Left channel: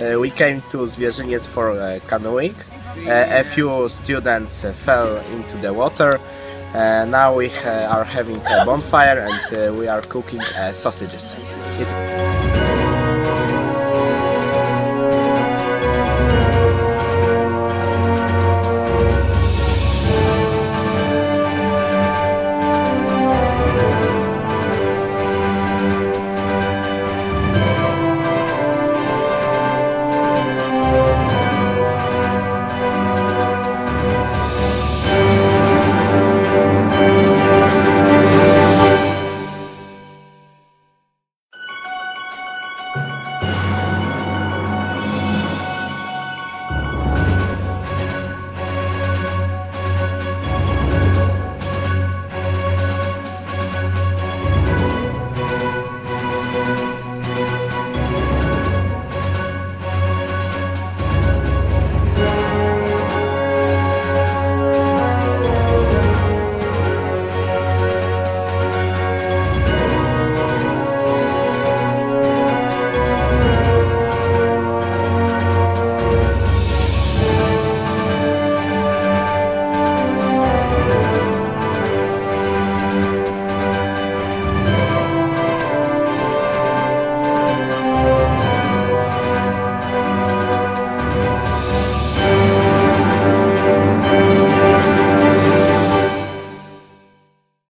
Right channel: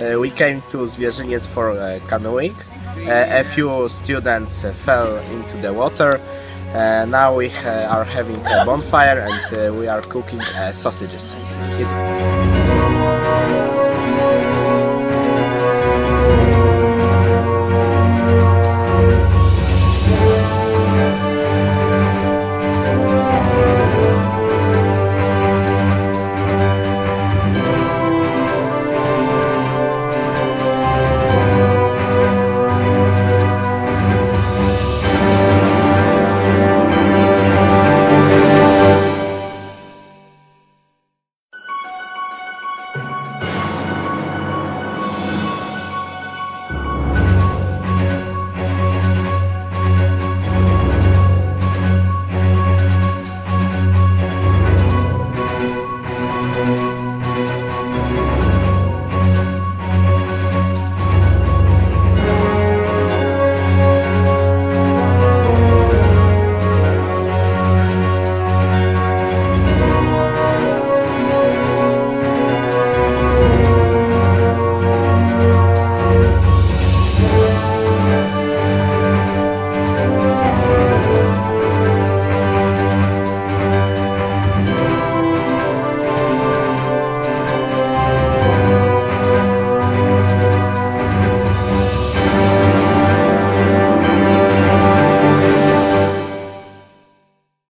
We came to Zwierzyniec for canoeing. A few students fell into the water. Now we are having a bonfire and we are cooking sausages.